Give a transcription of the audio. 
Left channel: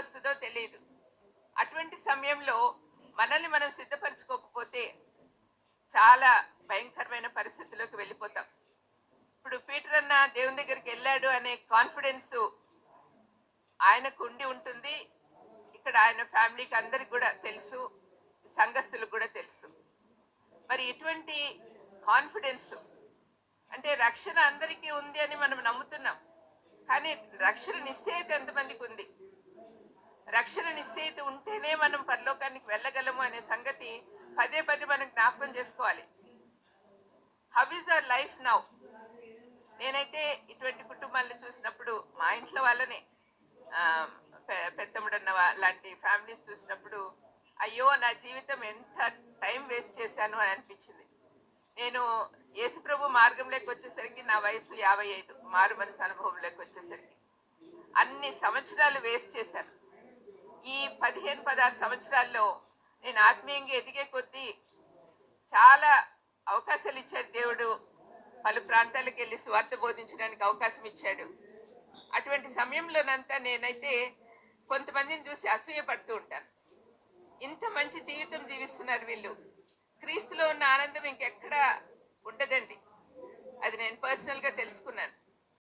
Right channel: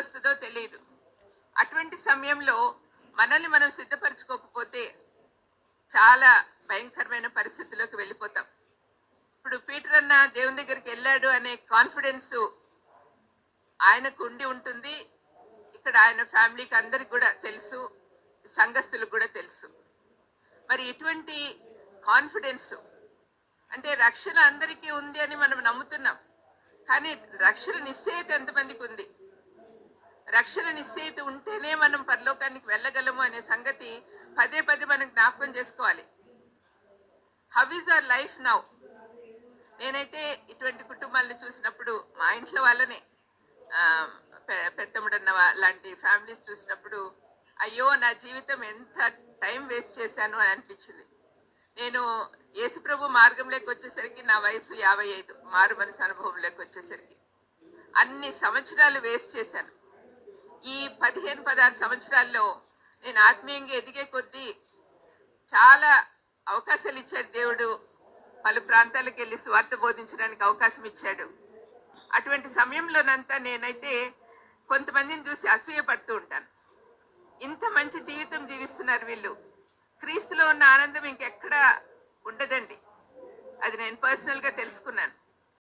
వస్తుందో తెలియదు. అటువంటి సమయంలో మనల్ని మనం సిద్ధపరచుకోకపోతే చాలా భయంకరమైన పరిస్థితిలోకి వెళ్ళిపోతాం. ఇప్పుడు పీటర్ అన్న దేవుని దగ్గరికి వెళ్ళాడు అనే కాన్ఫిడెన్స్ ఆయనకు ఉండి ఉంటుంది. ఇక్కడ ఆయన ఫ్యామిలీకి అందరికి కూడా తెలుసు, సంఘస్థులకు కూడా తెలుసు. మరి ఇటువంటి కాన్ఫిడెన్స్ అంటే రక్షణ అందరికీ ఉంది అని మనం నమ్ముతున్నాం, కానీ రక్షణ నిశ్చయిత ఎంతమందికి ఉంది? రక్షణ నిశ్చయిత ఉంటేనే మనం పరలోకానికి వెళ్ళగలము అనే సంగతి పదే పదే మనం జ్ఞాపకం చేసుకోవాలి. How is our life now? నేనైతే ఇటువంటి కుటుంబాలను చూసినప్పుడు, మా ఇంట్లో వాళ్ళనే పెద్దమ్మడన్న లాంటి ఫ్యామిలీస్ చూసినప్పుడు, అయ్యో నా జీవితం ఎంత టైం వేస్ట్ చేశాను అని అనిపించింది. నేను యేసుప్రభు మార్గంలోకి వచ్చేసరికి నా వయసు 55, మారు మనసు అనుభవంలోకి వచ్చేసరికి అన్ని సంవత్సరాలు వేస్ట్ చేశాను. ఈ 15-16 సంవత్సరాల్లో నేను ఆత్మీయంగా ఎదిగే కొద్దీ చాలా అవకాశాలు ఇచ్చాడు దేవుడు. పలు ప్రాంతాలకు వెళ్ళి స్వార్థ బోధించడానికి అవకాశం ఇచ్చాడు. అటువంటి సమయంలోనంతా నేనైతే కొంతమందిని చూసి అసూయపడుతూ ఉంటాను. ఇంత మంచి జీవితం జీవిస్తున్నారు వీళ్ళు, క్రీస్తులో ఉన్న ఆనందం ఇంకెక్కడా ఉండదండి. అది నేను పర్సనల్గా తెలుసుకున్నాను.